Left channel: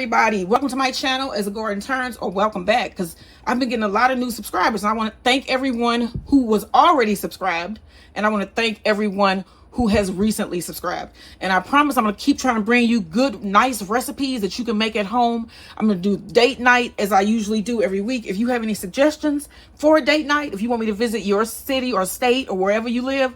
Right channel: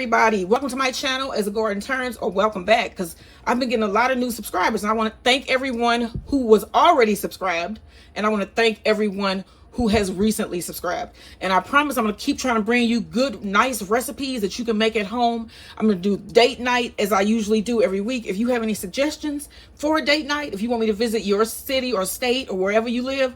everybody, welcome to my channel as a Garden Turns, or welcome back, because I've been getting a lot of new subscribers, and I want to thank everyone who was already subscribed, and I want to thank everyone who has recently subscribed. And I promise I'm going to keep trying to bring you good, nice recipes that you can make at home. I'm going to do date night as I usually do every week. If you have any suggestions for a date night, if you want me to visit your city or state or wherever you live,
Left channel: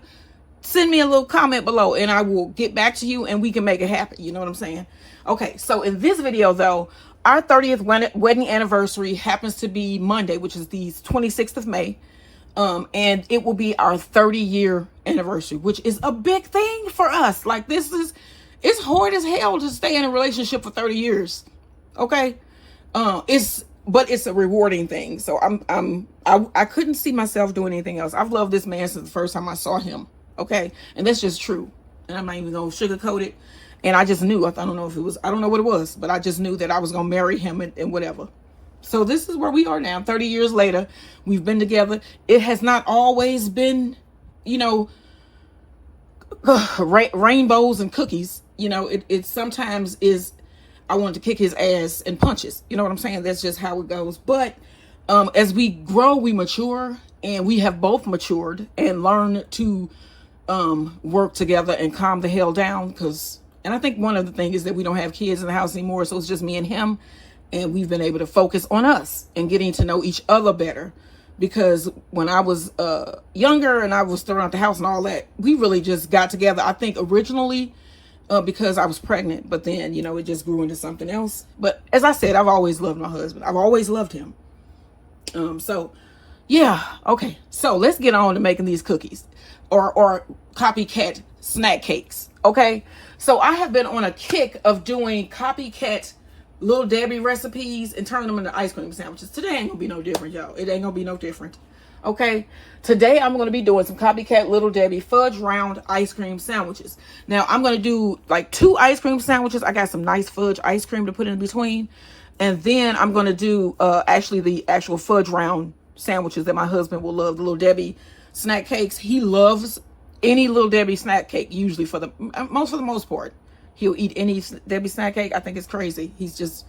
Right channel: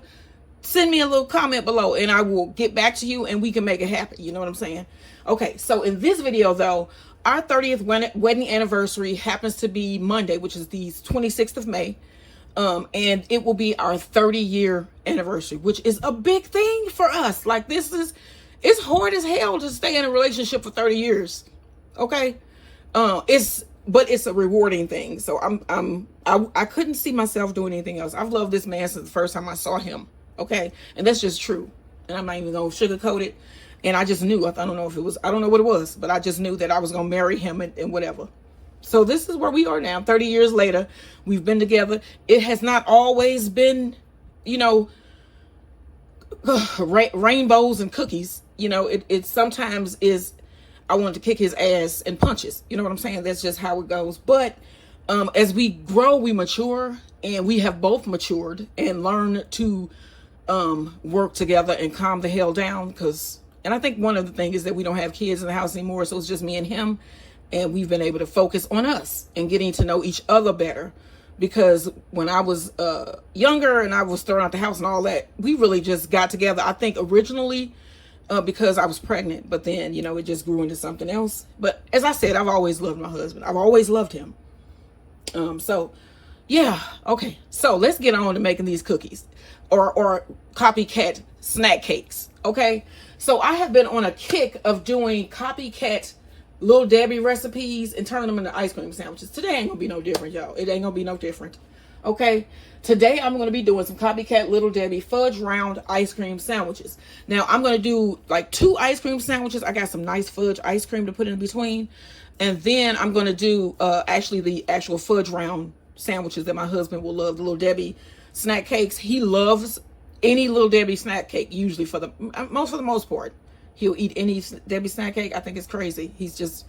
send me a little comment below and I will get back to you and we can make it happen. You know what I'm saying? Okay, so in this video though, our 30th wedding anniversary happens to be Monday, which is the 26th of May. And it will be our 30-year anniversary, which is a big thing for us. Like, it's hard as hell to stay in a relationship for 30 years. Okay. But it's a rewarding thing. So I couldn't see myself doing anything else. I've loved this man since the first time I saw him. Okay. And that's just true. And I'm not even going to sugarcoat it. And I just knew, I don't know what it was, but I just knew that I was going to marry him and whatever. So this is where we are now, 30 years later. We've been together. It has not always been, you know, rainbows and cookies. You know, it sometimes is, I want to kick his ass and punches. You know what I'm saying? That's just how it goes. But as we grow, we mature, and we have both matured and learned to work together and calm the hell down. And I think one of the things is that we don't have kids in the house anymore, so it's just me and him. And we've been able to focus on us and getting to know each other better. Because when I was younger and I was thrown out the house and all that, we really just got together. I think originally because I was pregnant, but then, you know, it just grew into something else. But as I said, I've always loved my husband. I've always loved him. So yeah, okay. So let's get on to making these cookies or copycat snack cakes. Okay. So I have been on a kick of doing copycat Little Debbie recipes and turning them into ice cream sandwiches. Today ain't gonna be no different, y'all. It ain't gonna be no different. Okay. Today I'm gonna be doing some copycat Little Debbie fudge round ice cream sandwiches. Now I'm gonna do like 2 ice cream sandwiches. I got some nice fudge ice cream to put in between. And then I'm gonna do actually the actual fudge round sandwiches that my husband will love, the Little Debbie snack cakes. He loves any Little Debbie snack cake, usually for the most part. He'll eat any Debbie snack cake. I think it's crazy. He's just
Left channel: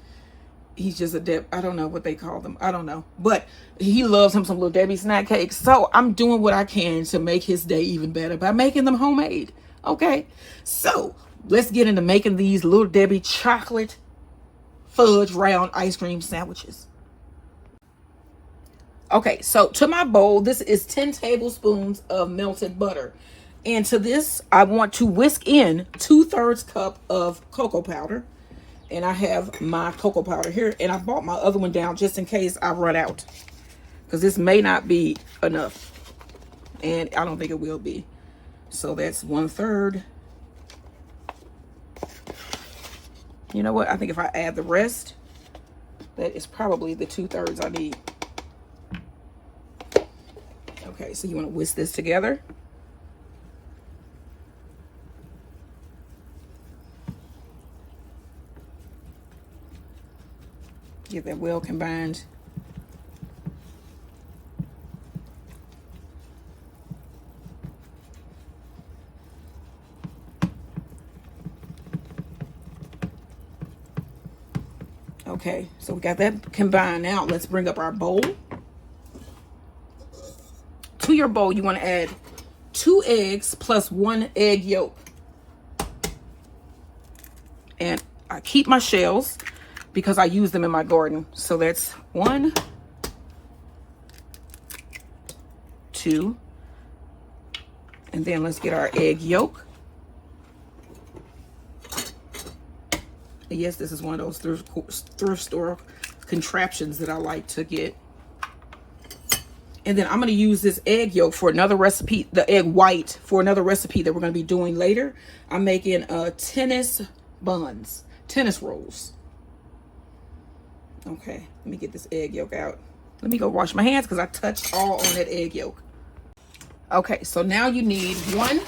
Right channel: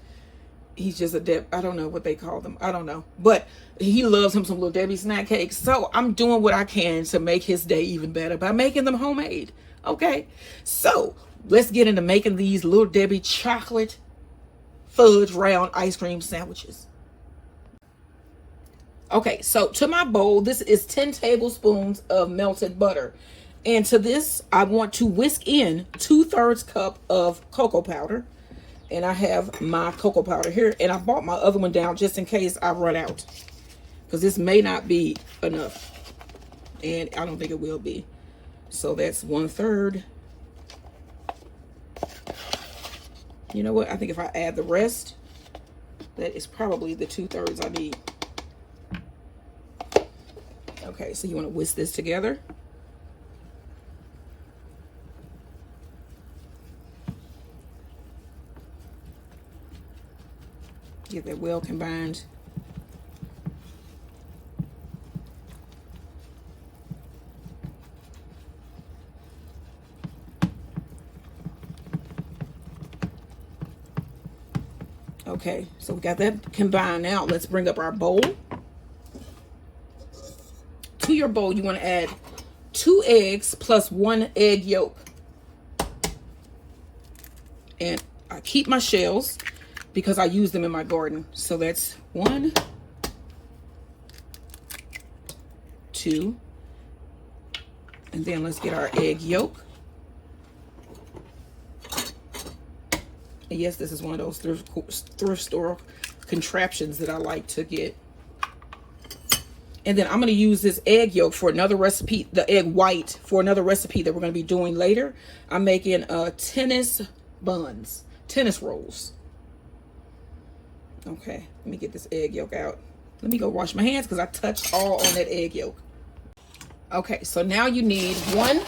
a I don't know what they call them. I don't know. But he loves him some Little Debbie snack cakes. So I'm doing what I can to make his day even better by making them homemade. Okay. So let's get into making these Little Debbie chocolate fudge round ice cream sandwiches. Okay. So to my bowl, this is 10 tablespoons of melted butter. And to this, I want to whisk in 2/3 cup of cocoa powder. And I have my cocoa powder here. And I bought my other one down just in case I run out. Because this may not be enough. And I don't think it will be. So that's 1/3. You know what? I think if I add the rest, that is probably the 2/3 I need. Okay, so you want to whisk this together. Get that well combined. Okay, so we got that combined. Now let's bring up our bowl. To your bowl, you want to add 2 eggs plus 1 egg yolk. And I keep my shells because I use them in my garden. So that's 1, 2, and then let's get our egg yolk. And yes, this is one of those thrift store contraptions that I like to get. And then I'm going to use this egg yolk for another recipe, the egg white, for another recipe that we're going to be doing later. I'm making tennis buns, tennis rolls. Okay, let me get this egg yolk out. Let me go wash my hands because I touched all on that egg yolk. Okay, so now you need 1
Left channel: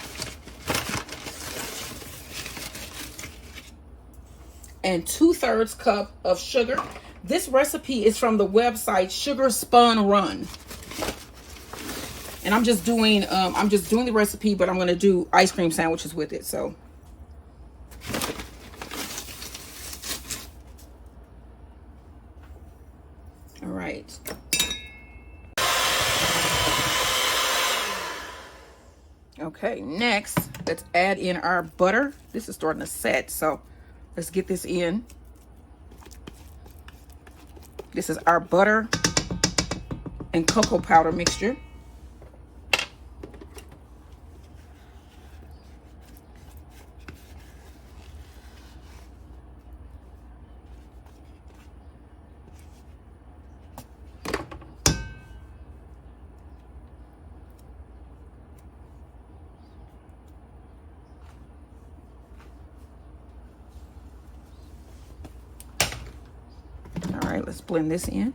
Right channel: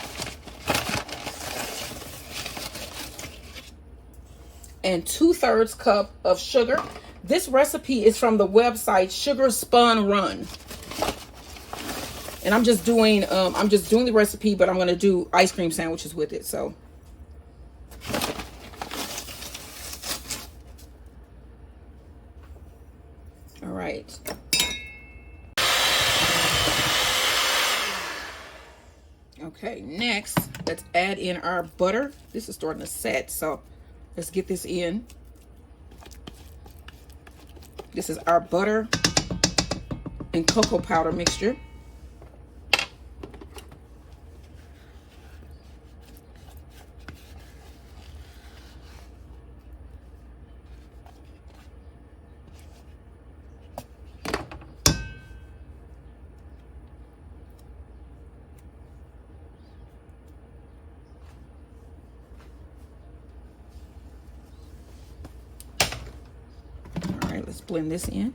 and 2/3 cup of sugar. This recipe is from the website Sugar Spun Run. And I'm just doing the recipe, but I'm going to do ice cream sandwiches with it. So right. Okay, next, let's add in our butter. This is starting to set, so let's get this in. This is our butter and cocoa powder mixture. All right, let's blend this in.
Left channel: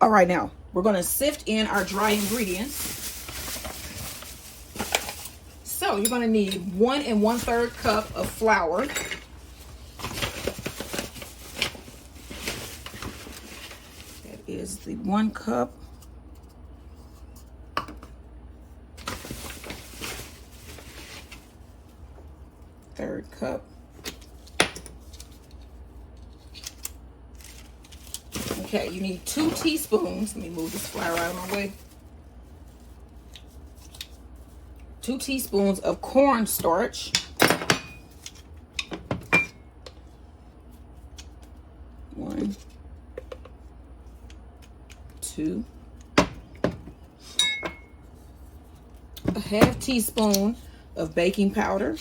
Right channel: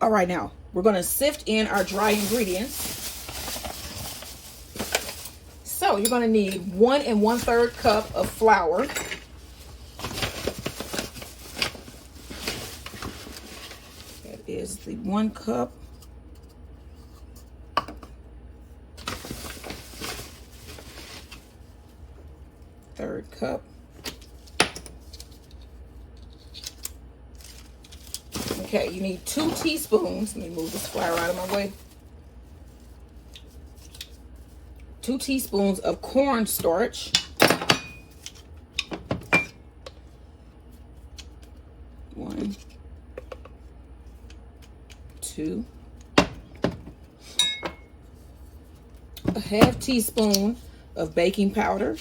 All right, now we're going to sift in our dry ingredients. So you're going to need 1 1/3 cup of flour. That is the 1 cup. Third cup. Okay, you need 2 teaspoons. Let me move this flour out of my way. 2 teaspoons of cornstarch. 1, 2. A 1/2 teaspoon of baking powder.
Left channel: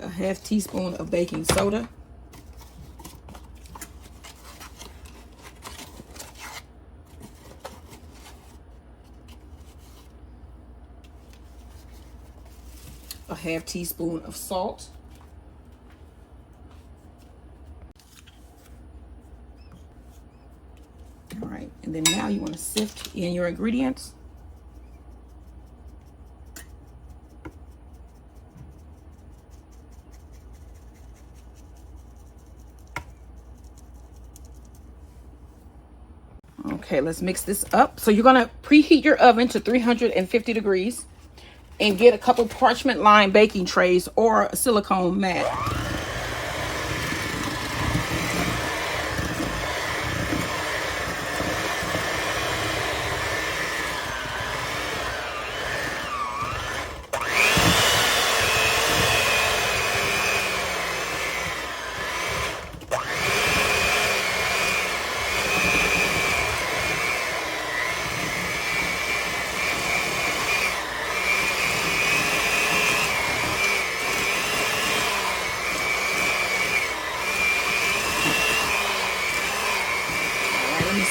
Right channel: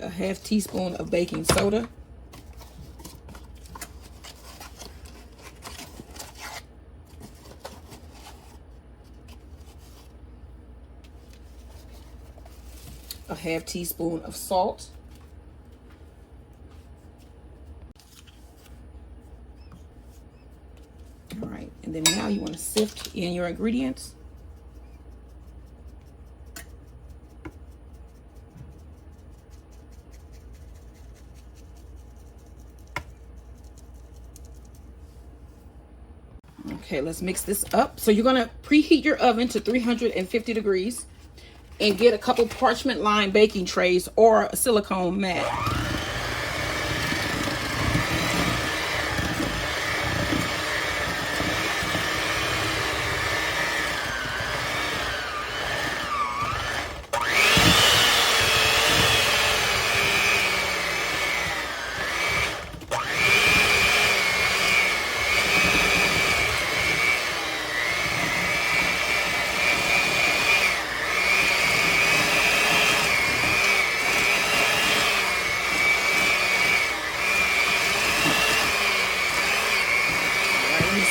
A 1/2 teaspoon of baking soda. A 1/2 teaspoon of salt. All right, and then now you want to sift in your ingredients. Okay, let's mix this up. So you're gonna preheat your oven to 350 degrees and get a couple parchment lined baking trays or a silicone mat.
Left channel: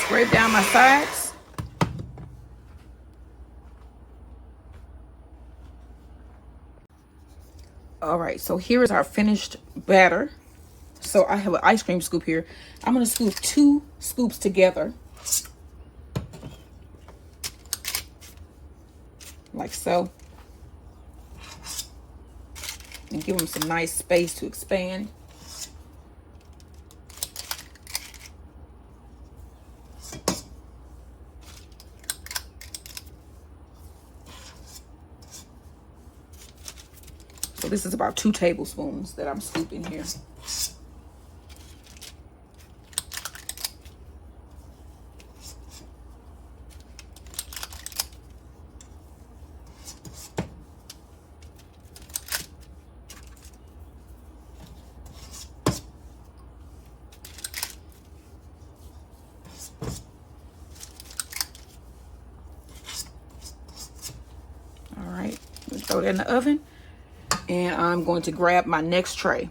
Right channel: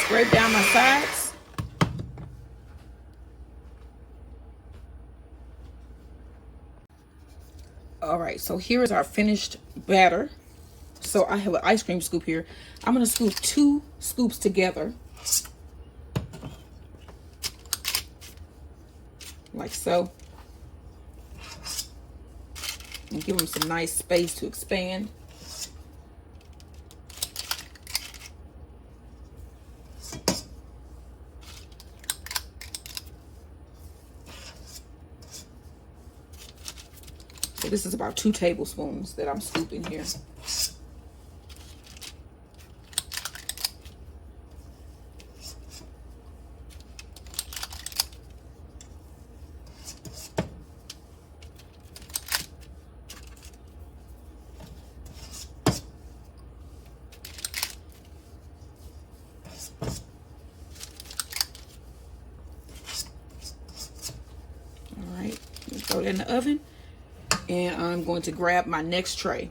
Scrape down my sides. All right, so here is our finished batter. So I have an ice cream scoop here. I'm going to scoop 2 scoops together, like so, and give them some nice space to expand. So this is about 2 tablespoons that I'm scooping here. All right, let's throw that in the oven. And I'm going to grab my next tray.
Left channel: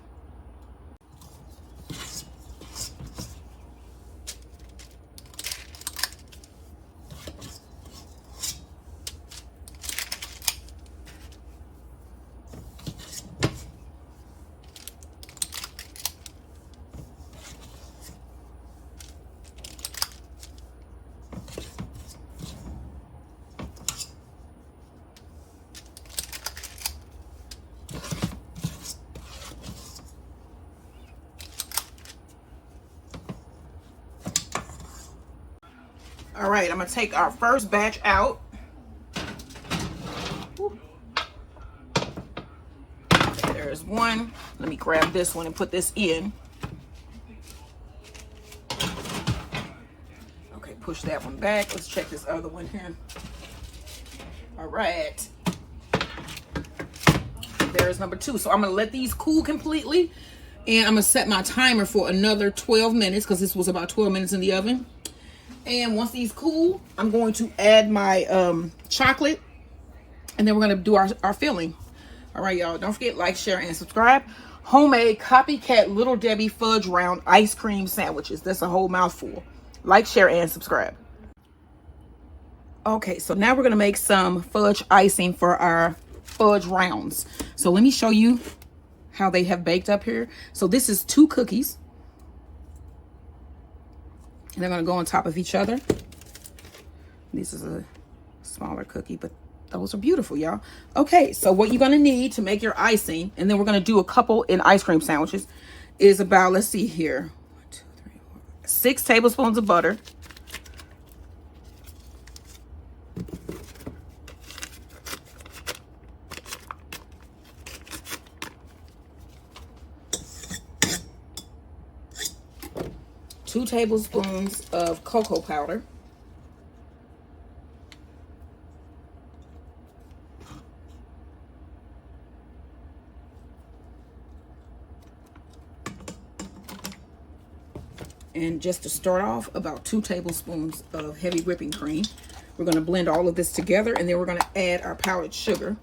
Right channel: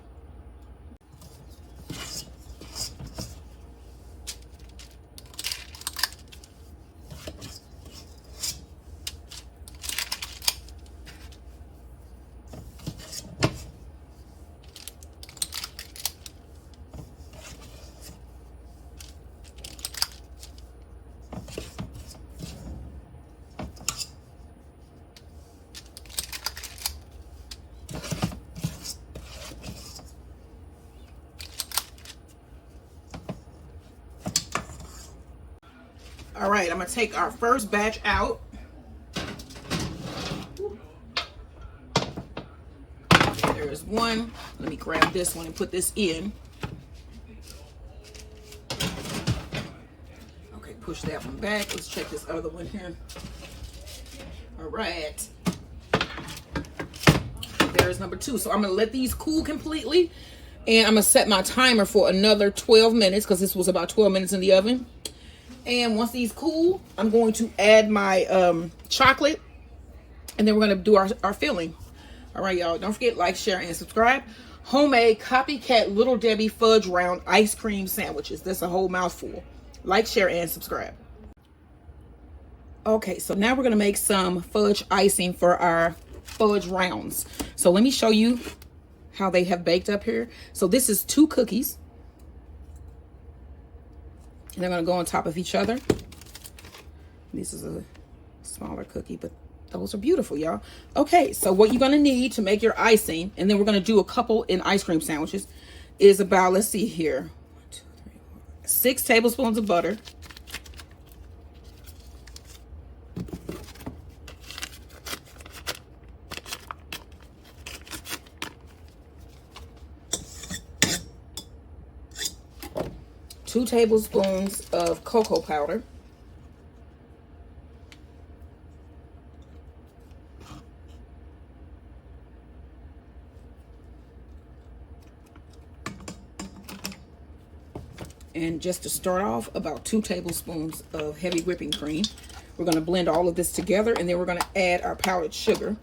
right, I'm gonna take our first batch out. There's one. Let me grab this one and put this in. Okay, push that one back. Let's check this other one here. All right. There's number 2. So I'm gonna let these cool completely, and I'm gonna set my timer for another 12 minutes because this was about 12 minutes in the oven. And once these cool, I'm going to add my chocolate, and then we're gonna do our filling. All right, y'all. Don't forget, like, share, and subscribe. Homemade Copycat Little Debbie Fudge Round Ice Cream Sandwiches. That's a whole mouthful. Like, share, and subscribe. Okay, so now we're gonna make some fudge icing for our fudge rounds. So let me show you how they have baked up here. So this is 2 cookies, and they're gonna go on top of each other. This is a smaller cookie, but those are beautiful, y'all. Okay, so what you're gonna need to make your icing, and then we're gonna do a couple in ice cream sandwiches, is about, let's see here, 1, 2, 3, 4, 6 tablespoons of butter. Two tablespoons of cocoa powder. And just to start off, about 2 tablespoons of heavy whipping cream. We're going to blend all of this together, and then we're going to add our powdered sugar.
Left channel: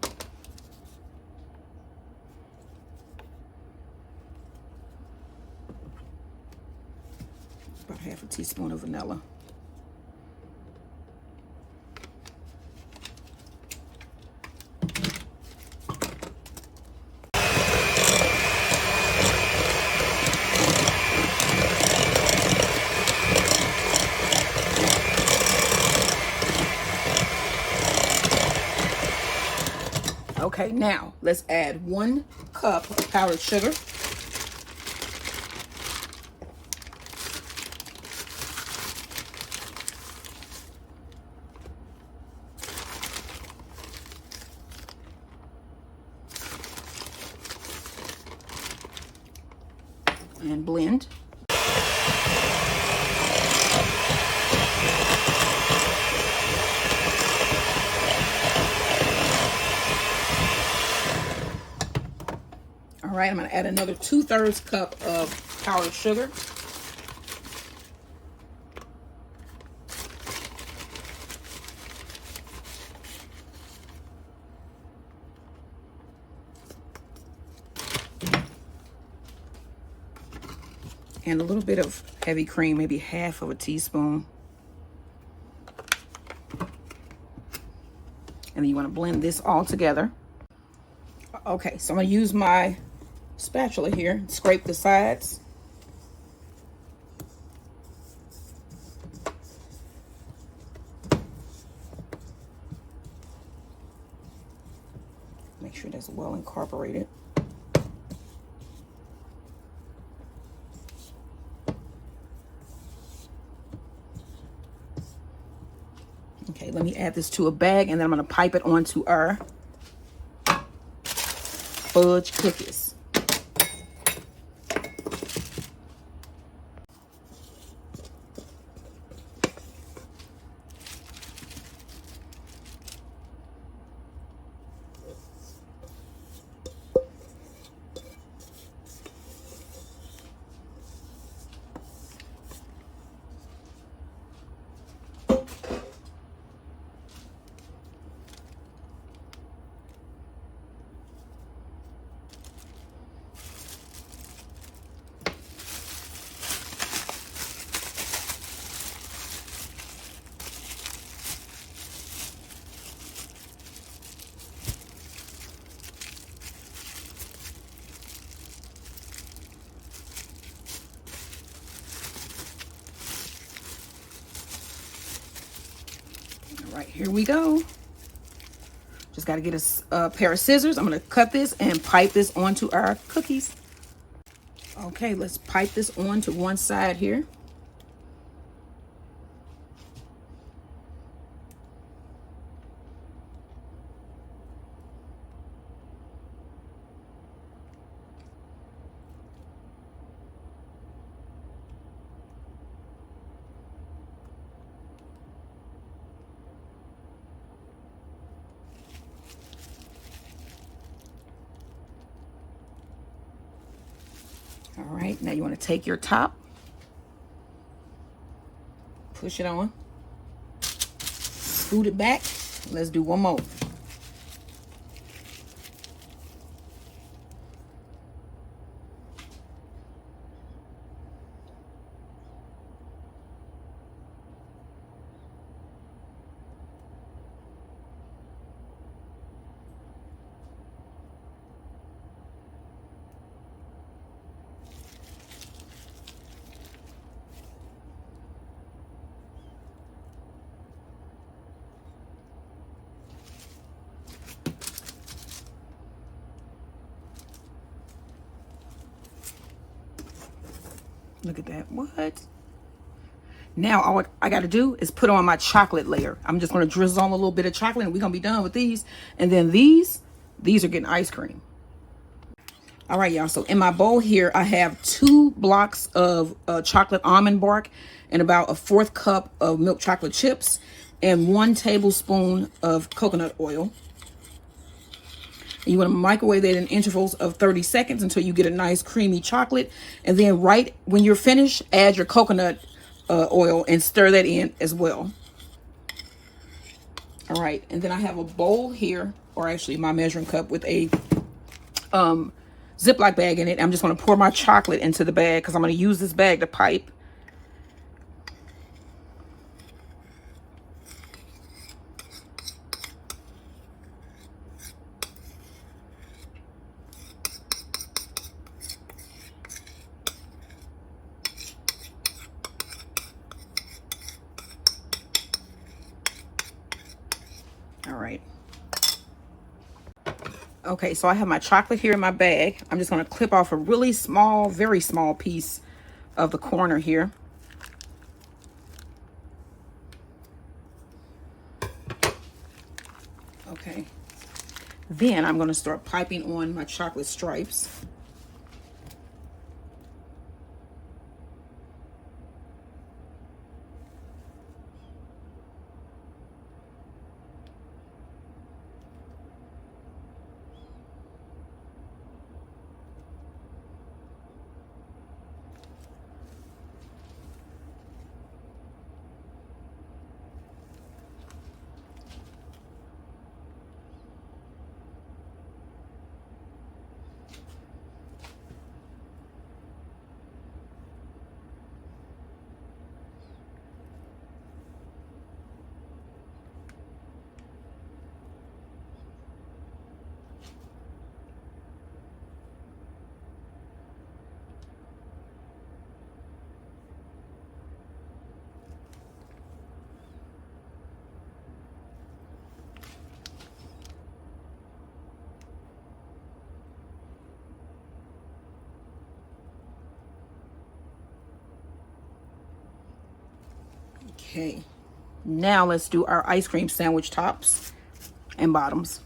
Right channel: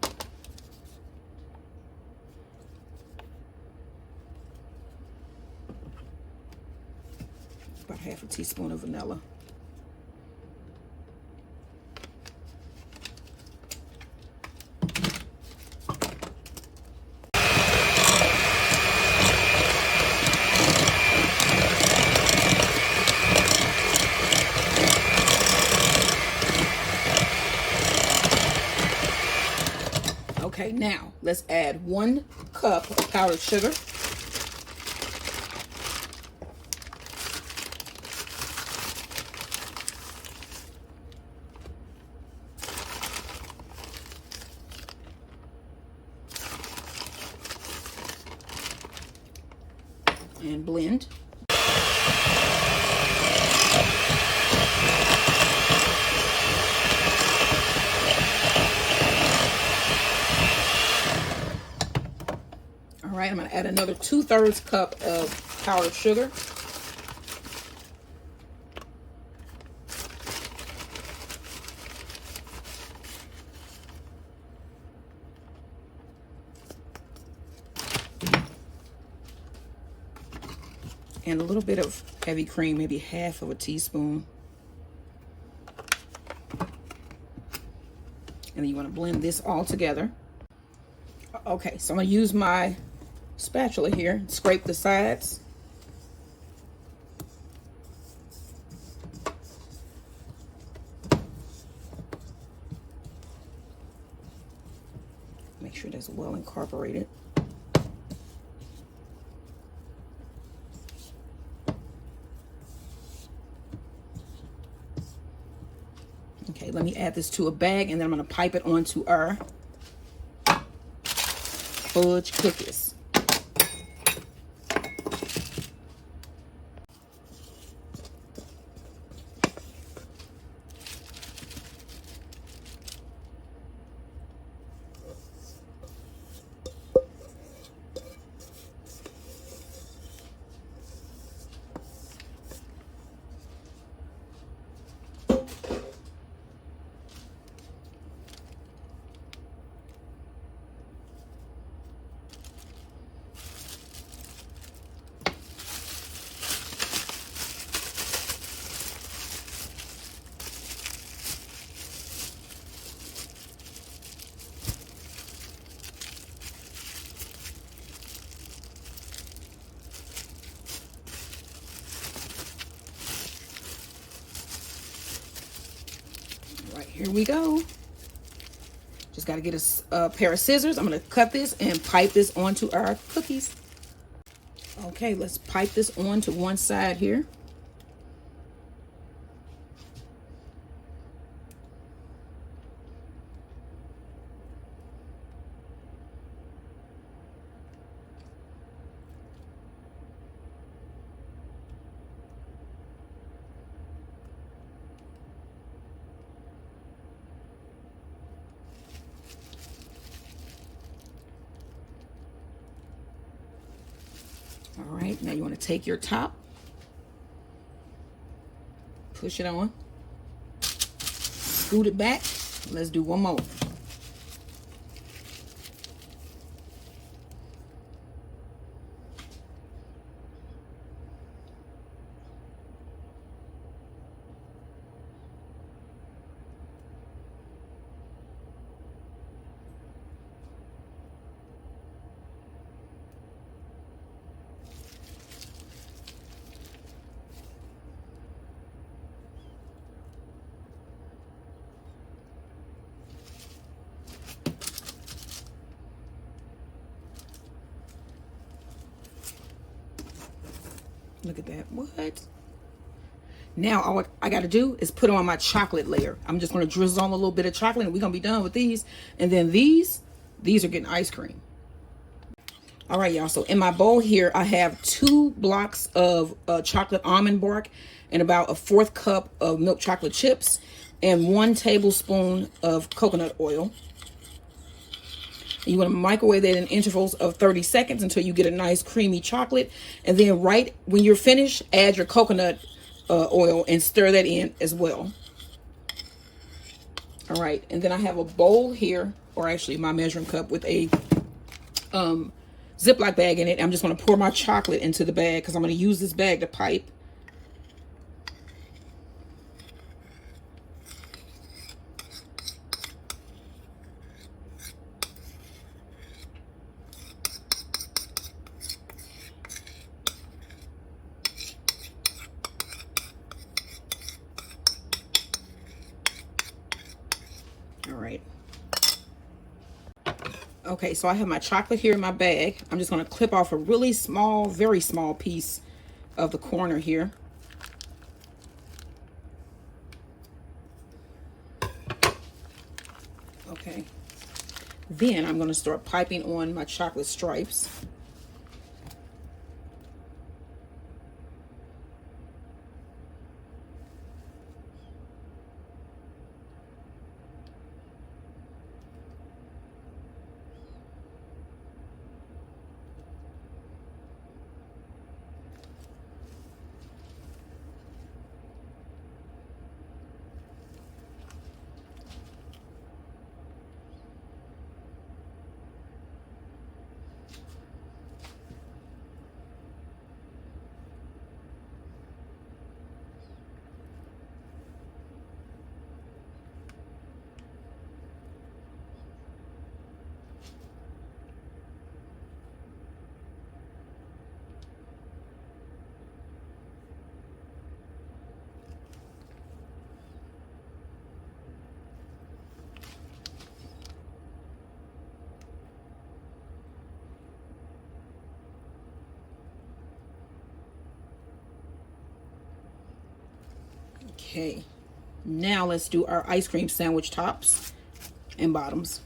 About half a teaspoon of vanilla. Okay, now let's add 1 cup of powdered sugar. And blend. All right, I'm going to add another 2/3 cup of powdered sugar. And a little bit of heavy cream, maybe half of a teaspoon. And then you want to blend this all together. Okay, so I'm going to use my spatula here, scrape the sides. Make sure that's well incorporated. Okay, let me add this to a bag, and then I'm going to pipe it onto our fudge cookies. Here we go. Just got to get a pair of scissors. I'm going to cut this and pipe this onto our cookies. Okay, let's pipe this onto one side here. All right, now you want to take your top, push it on, scoot it back. Let's do one more. Look at that. What? Now all I got to do is put on my chocolate layer. I'm just going to drizzle on a little bit of chocolate and we're going to be done with these. And then these are getting ice cream. All right, y'all. So in my bowl here, I have 2 blocks of chocolate almond bark and about 1/4 cup of milk chocolate chips and 1 tablespoon of coconut oil. You want to microwave that in intervals of 30 seconds until you get a nice creamy chocolate. And then right when you're finished, add your coconut oil and stir that in as well. All right, and then I have a bowl here, or actually my measuring cup with a Ziploc bag in it. I'm just going to pour my chocolate into the bag because I'm going to use this bag to pipe. All right. Okay, so I have my chocolate here in my bag. I'm just going to clip off a really small, very small piece of the corner here. Okay. Then I'm going to start piping on my chocolate stripes. Okay, now let's do our ice cream sandwich tops and bottoms.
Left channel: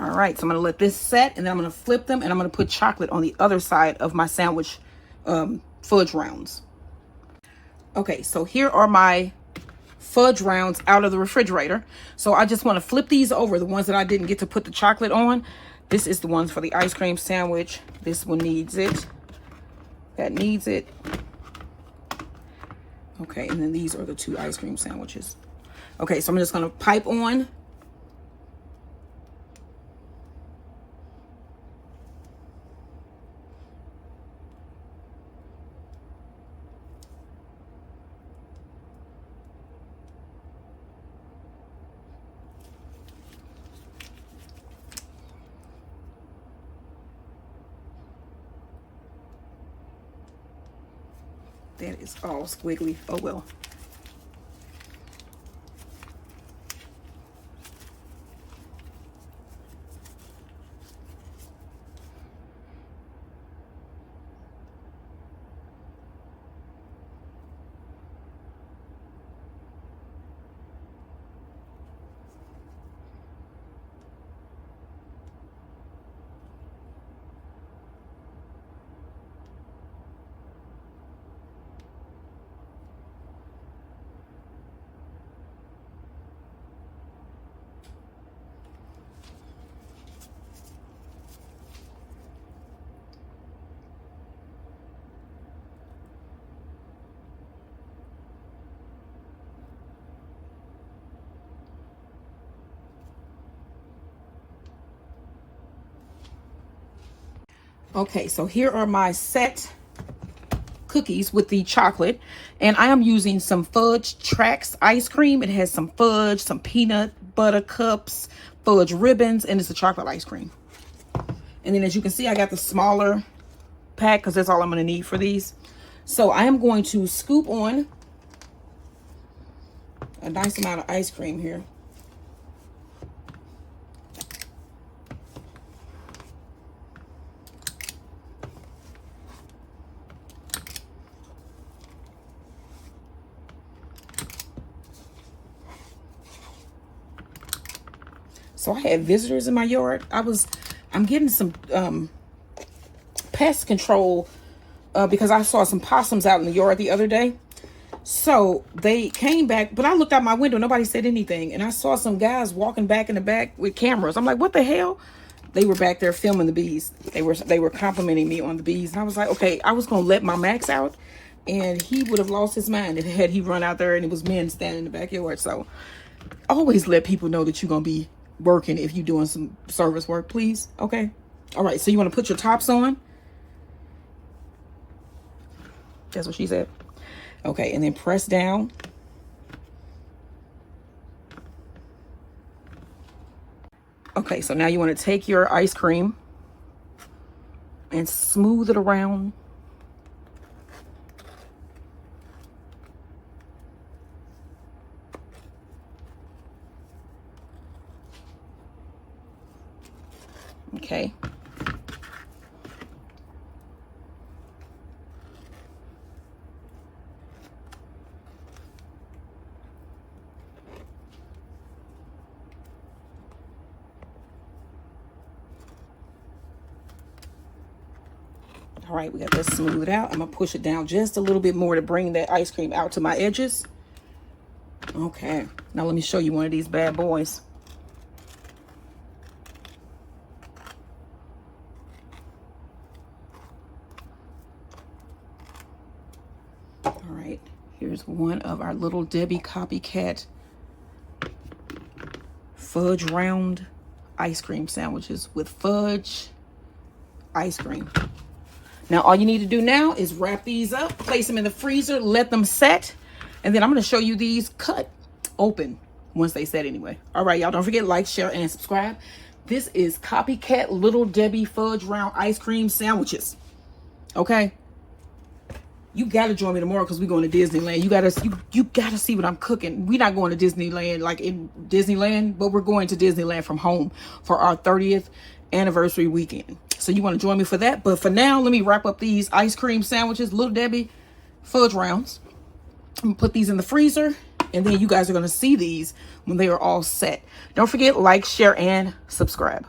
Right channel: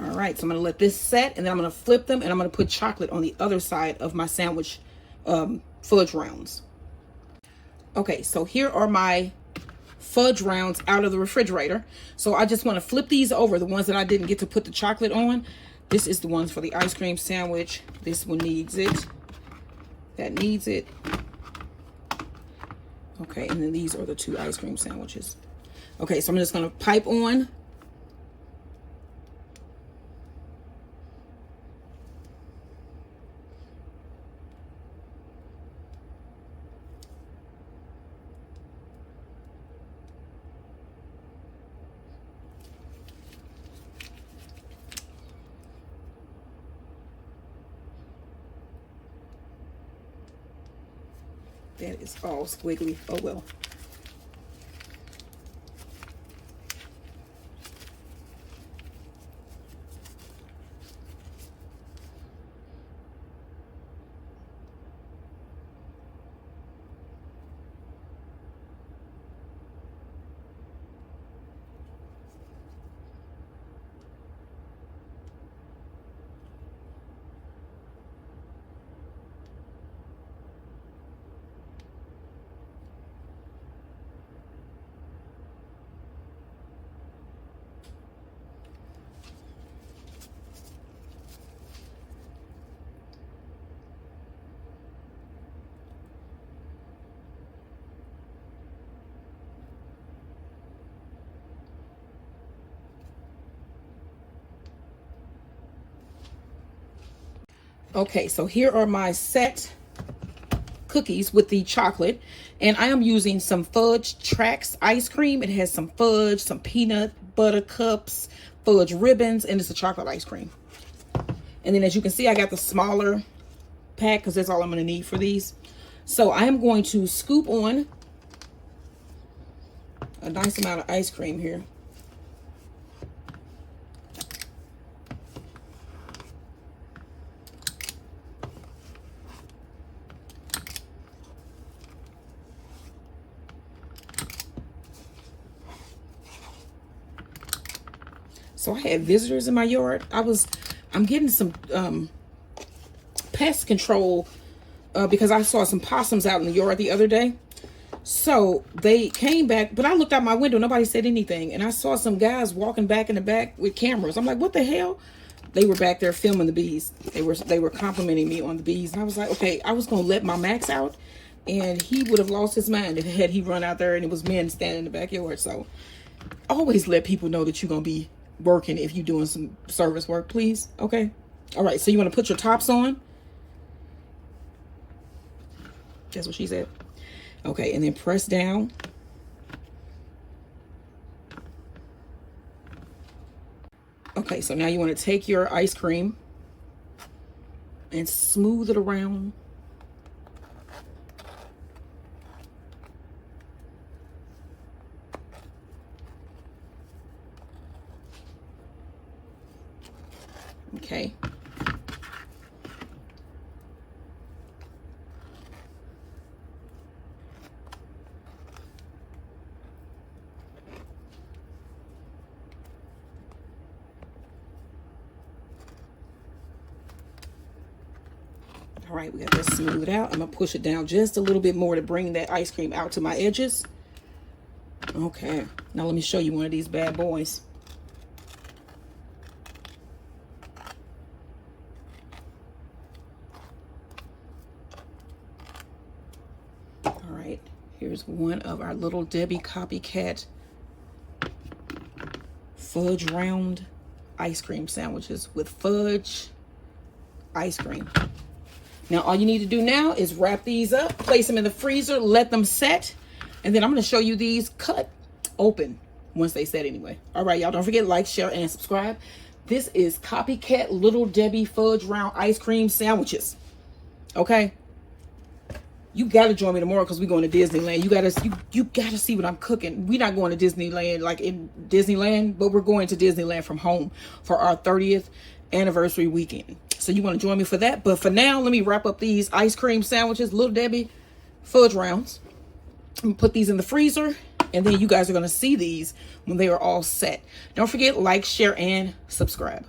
All right, so I'm gonna let this set and then I'm gonna flip them and I'm gonna put chocolate on the other side of my sandwich fudge rounds. Okay, so here are my fudge rounds out of the refrigerator. So I just wanna flip these over, the ones that I didn't get to put the chocolate on. This is the ones for the ice cream sandwich. This one needs it. That needs it. Okay, and then these are the 2 ice cream sandwiches. Okay, so I'm just gonna pipe on. That is all squiggly. Oh well. Okay, so here are my set cookies with the chocolate, and I am using some Fudge Tracks ice cream. It has some fudge, some peanut butter cups, fudge ribbons, and it's a chocolate ice cream. And then as you can see, I got the smaller pack because that's all I'm going to need for these. So I am going to scoop on a nice amount of ice cream here. So I had visitors in my yard. I'm getting some pest control because I saw some possums out in the yard the other day. So they came back, but I looked out my window, nobody said anything, and I saw some guys walking back in the back with cameras. I'm like, what the hell? They were back there filming the bees. They were complimenting me on the bees. And I was like, okay, I was gonna let my Max out, and he would have lost his mind if had he run out there and it was men standing in the backyard. So always let people know that you're gonna be working if you're doing some service work, please. Okay. All right, so you want to put your tops on. That's what she said. Okay, and then press down. Okay, so now you want to take your ice cream and smooth it around. Okay. All right, we got this smoothed out. I'm gonna push it down just a little bit more to bring that ice cream out to my edges. Okay, now let me show you one of these bad boys. Here's one of our Little Debbie Copycat fudge round ice cream sandwiches with fudge ice cream. Now all you need to do now is wrap these up, place them in the freezer, let them set, and then I'm going to show you these cut open once they set anyway. All right, y'all, don't forget like, share, and subscribe. This is Copycat Little Debbie fudge round ice cream sandwiches. Okay? You gotta join me tomorrow because we're going to Disneyland. You gotta see what I'm cooking. We're not going to Disneyland like in Disneyland, but we're going to Disneyland from home for our 30th anniversary weekend. So you want to join me for that. But for now, let me wrap up these ice cream sandwiches, Little Debbie fudge rounds. I'm gonna put these in the freezer, and then you guys are gonna see these when they are all set. Don't forget, like, share, and subscribe.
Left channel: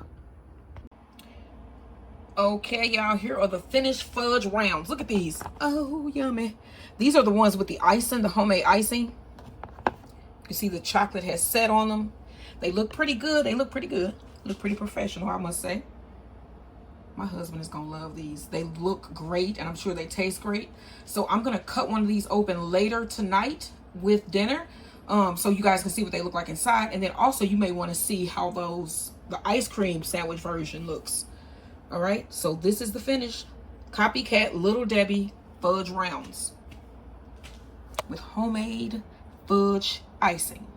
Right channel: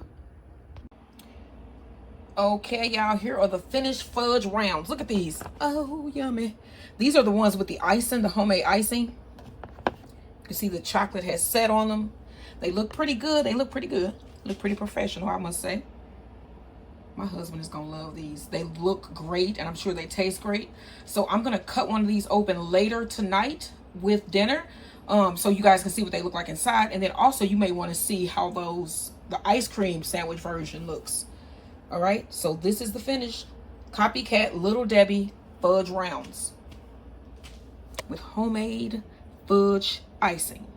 Okay, y'all, here are the finished fudge rounds. Look at these. Oh, yummy. These are the ones with the icing, the homemade icing. You see the chocolate has set on them. They look pretty good. They look pretty good. Look pretty professional, I must say. My husband is going to love these. They look great, and I'm sure they taste great. So I'm going to cut one of these open later tonight with dinner so you guys can see what they look like inside. And then also you may want to see how the ice cream sandwich version looks. All right, so this is the finished Copycat Little Debbie fudge rounds with homemade fudge icing.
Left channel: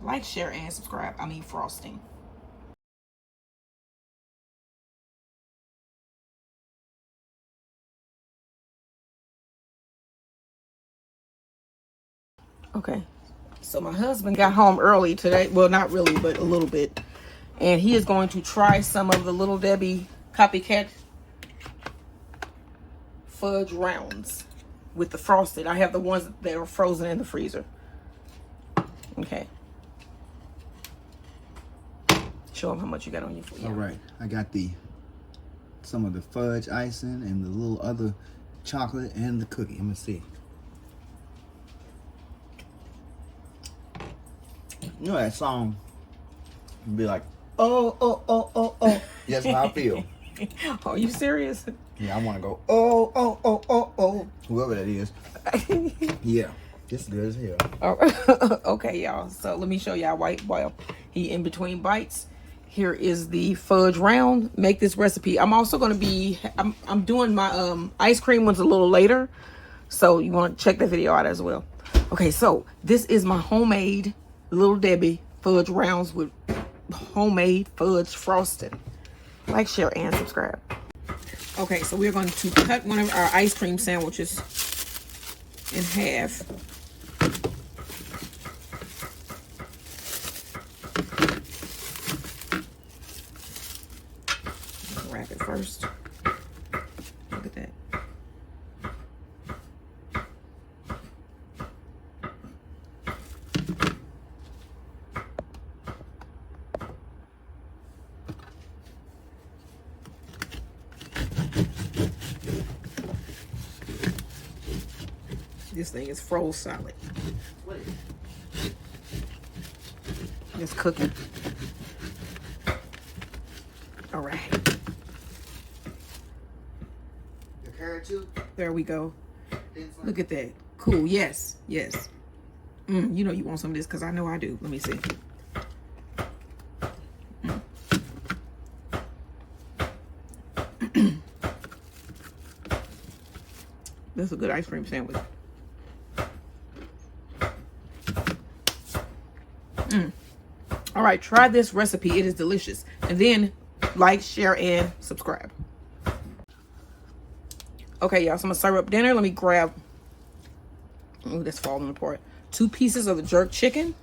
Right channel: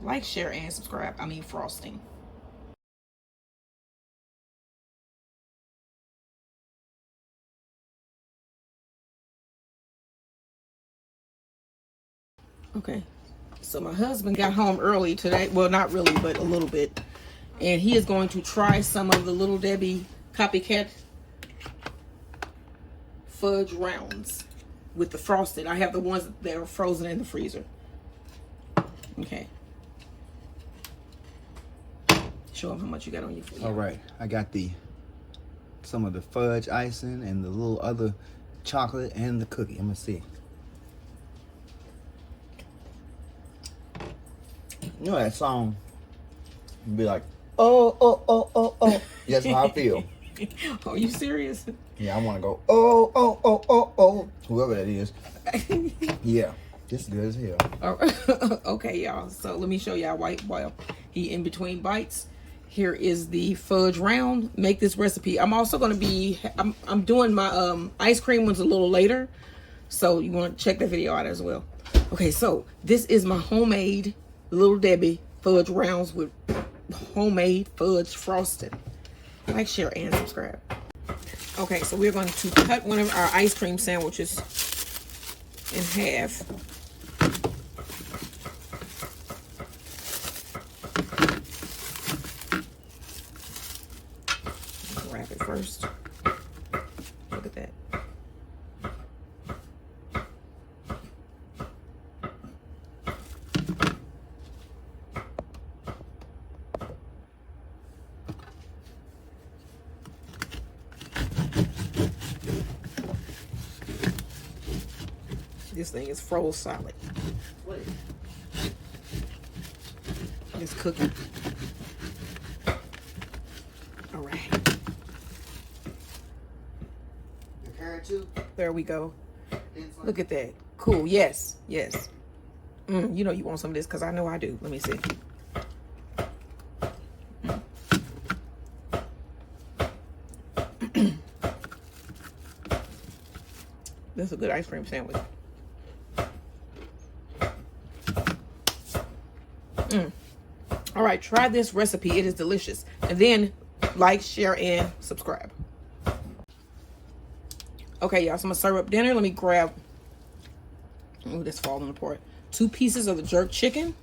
Like, share, and subscribe. I mean frosting. Okay, so my husband got home early today. Well, not really, but a little bit. And he is going to try some of the Little Debbie Copycat fudge rounds with the frosted. I have the ones that are frozen in the freezer. Okay. Show them how much you got on your food. All right, I got some of the fudge icing and the little other chocolate and the cookie. I'm gonna see. You know that song? You'd be like, oh, oh, oh, oh, oh. That's how I feel. Are you serious? Yeah, I want to go, oh, oh, oh, oh, oh. Whoever that is. Yeah, this is good as hell. Okay, y'all. So let me show y'all while he in between bites. Here is the fudge round. Make this recipe. I'm also going to be, I'm doing my ice cream ones a little later. So you want to check that video out as well. Okay, so this is my homemade Little Debbie fudge rounds with homemade fudge frosting. Like, share, and subscribe. Okay, so we're going to cut one of our ice cream sandwiches in half. Wrap it first. Look at that. This thing is froze solid. It's cooking. All right. Your carrot too? There we go. Look at that. Cool. Yes. Yes. You know you want some of this because I know I do. Let me see. This is a good ice cream sandwich. All right, try this recipe. It is delicious. And then like, share, and subscribe. Okay, y'all, so I'm gonna serve up dinner. Let me grab, oh, that's falling apart. 2 pieces of the jerk chicken.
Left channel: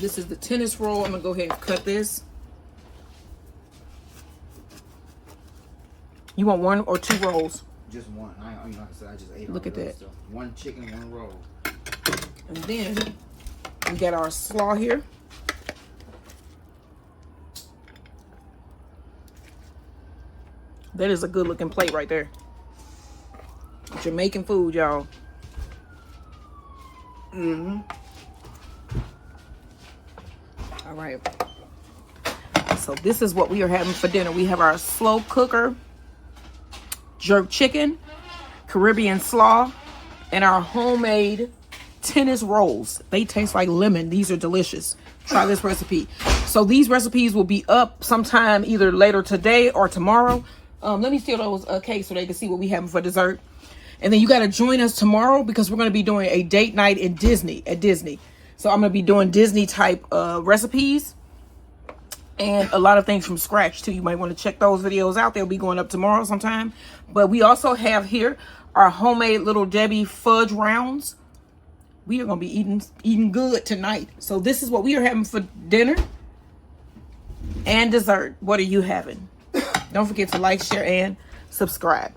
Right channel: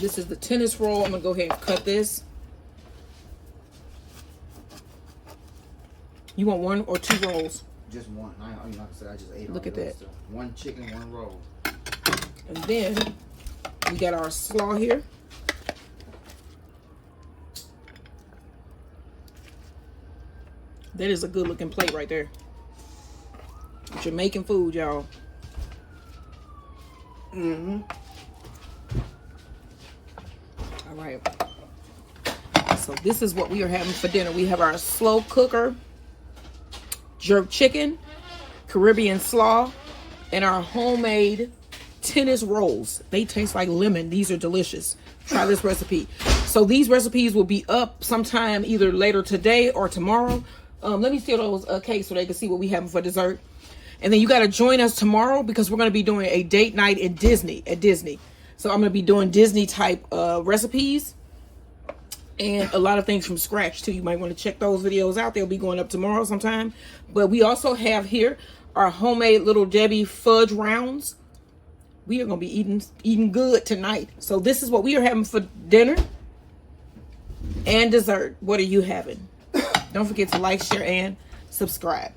This is the tennis roll. I'm gonna go ahead and cut this. You want 1 or 2 rolls? Just one. Like I said, I just ate. Look at that. So 1 chicken, 1 roll. And then we got our slaw here. That is a good looking plate right there. Jamaican food, y'all. All right. So this is what we are having for dinner. We have our slow cooker jerk chicken, Caribbean slaw, and our homemade tennis rolls. They taste like lemon. These are delicious. Try this recipe. So these recipes will be up sometime either later today or tomorrow. Let me seal those cakes so they can see what we have for dessert. And then you got to join us tomorrow because we're going to be doing a date night at Disney. So I'm going to be doing Disney type recipes and a lot of things from scratch too. You might want to check those videos out. They'll be going up tomorrow sometime. But we also have here our homemade Little Debbie fudge rounds. We are going to be eating good tonight. So this is what we are having for dinner and dessert. What are you having? Don't forget to like, share, and subscribe.